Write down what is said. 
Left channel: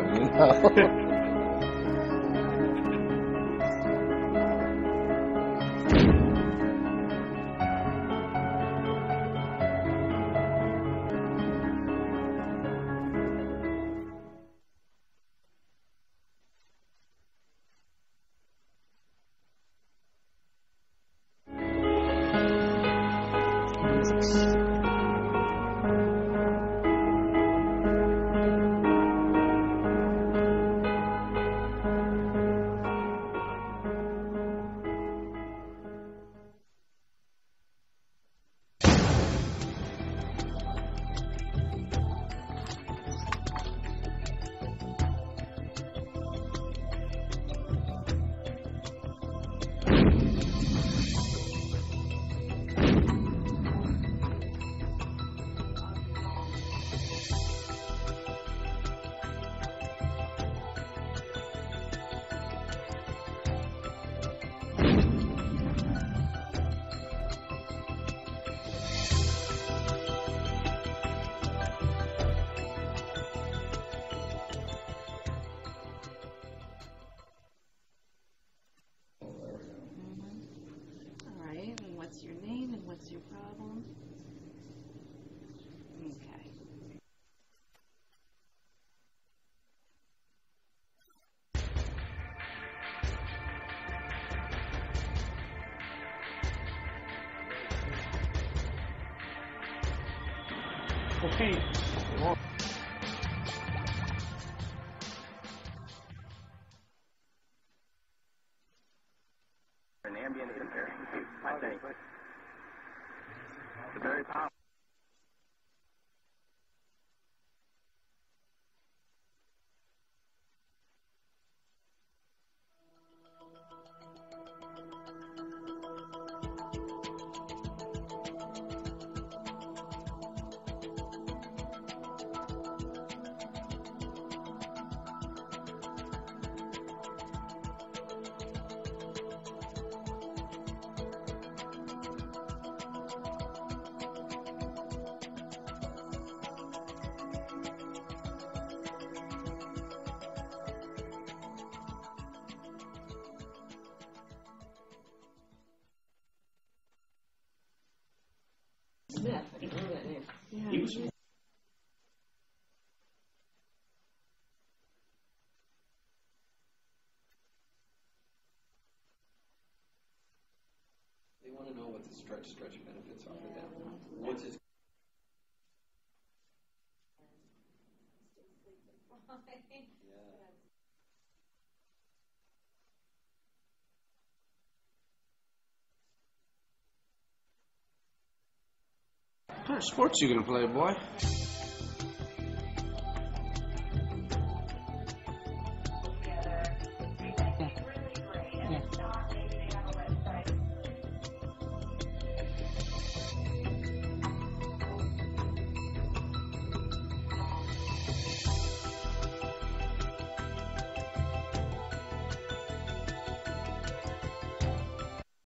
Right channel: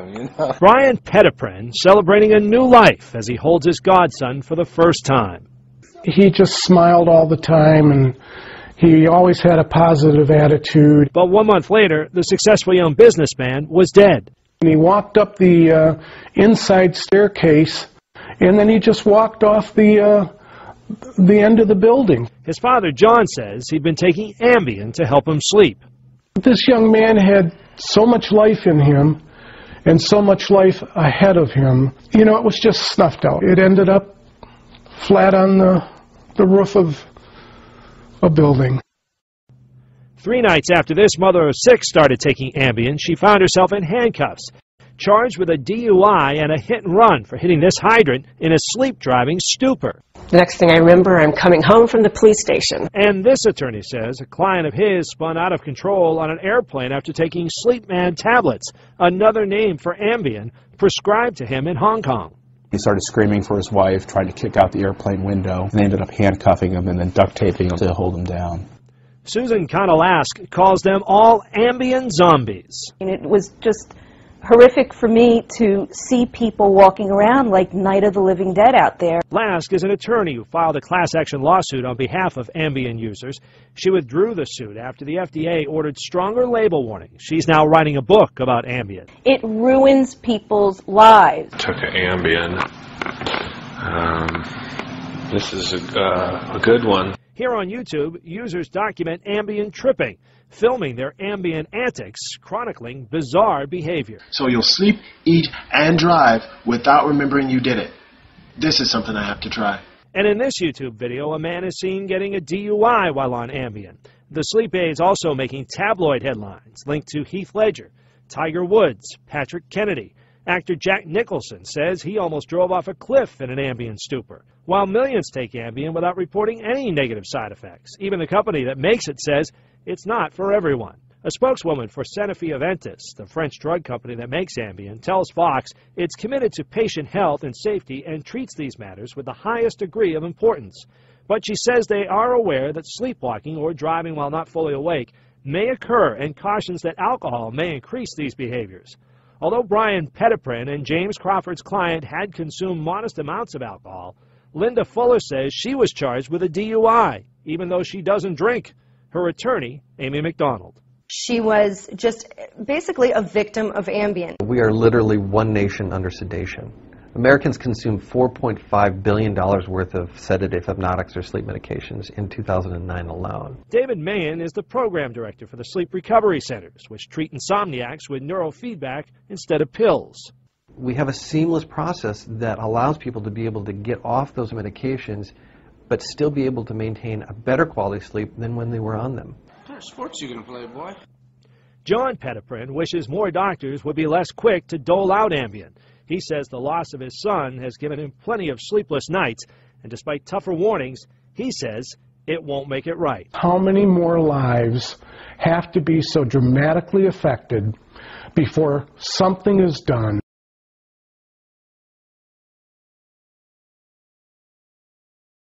him, you know. Brian Petiprin celebrating a new life as he holds his godson for the first time. He just smiled all the time, and he always had a positive attitude. But 1 month later, the successful young businessman was dead. And he walked up the inside staircase, and then he just walked off the end of the building. His father, John, says he'd been taking Ambien to help him sleep. This young man had so much life in him and so much life ahead of him. You know, it was just snuffed out. It ended up flat on the roof of a building. 3 nights after this mother of 6 started taking Ambien, she found herself in handcuffs, charged with a DUI and a hit and run for hitting this hydrant in a sleep-driving stupor. The next thing I remember, I'm coming home from the police station. And this attorney says a client of his spun out of control on an airplane after taking Sleepman tablets, another name for Ambien, prescribed to him in Hong Kong. He started screaming for his wife, tried to kick out the airplane window, and they ended up handcuffing him and then duct taping him to hold him down. Susan Konolask calls them all Ambien zombies. And it was just horrific for me to see people walking around like Night of the Living Dead out there. Lask is an attorney who filed a class action lawsuit on behalf of Ambien users. She withdrew the suit after the FDA ordered stronger label warnings. She's now writing a book about Ambien. It ruins people's lives. Took an Ambien. This is a good one. Here on YouTube, users document Ambien tripping, filming their Ambien antics, chronicling bizarre behavior. So you'll sleep, eat, and drive without remembering you did it. This is something I have to try. And in this YouTube video, a man is seen getting a DUI while on Ambien. The sleep aid's also making tabloid headlines linked to Heath Ledger, Tiger Woods, Patrick Kennedy. Actor Jack Nicholson says he almost drove off a cliff in an Ambien stupor, while millions take Ambien without reporting any negative side effects. Even the company that makes it says it's not for everyone. A spokeswoman for Sanofi Aventis, the French drug company that makes Ambien, tells Fox it's committed to patient health and safety and treats these matters with the highest degree of importance. But she says they are aware that sleepwalking or driving while not fully awake may occur and cautions that alcohol may increase these behaviors. Although Brian Petiprin and James Crawford's client had consumed modest amounts of alcohol, Linda Fuller says she was charged with a DUI, even though she doesn't drink. Her attorney, Amy McDonald. She was just basically a victim of Ambien. We are literally one nation under sedation. Americans consumed $4.5 billion worth of sedative, hypnotics, or sleep medications in 2009 alone. David Mahan is the program director for the Sleep Recovery Centers, which treat insomniacs with neurofeedback instead of pills. We have a seamless process that allows people to be able to get off those medications but still be able to maintain a better quality sleep than when they were on them. What kind of sports you gonna play, boy? John Petiprin wishes more doctors would be less quick to dole out Ambien. He says the loss of his son has given him plenty of sleepless nights, and despite tougher warnings, he says it won't make it right. How many more lives have to be so dramatically affected before something is done?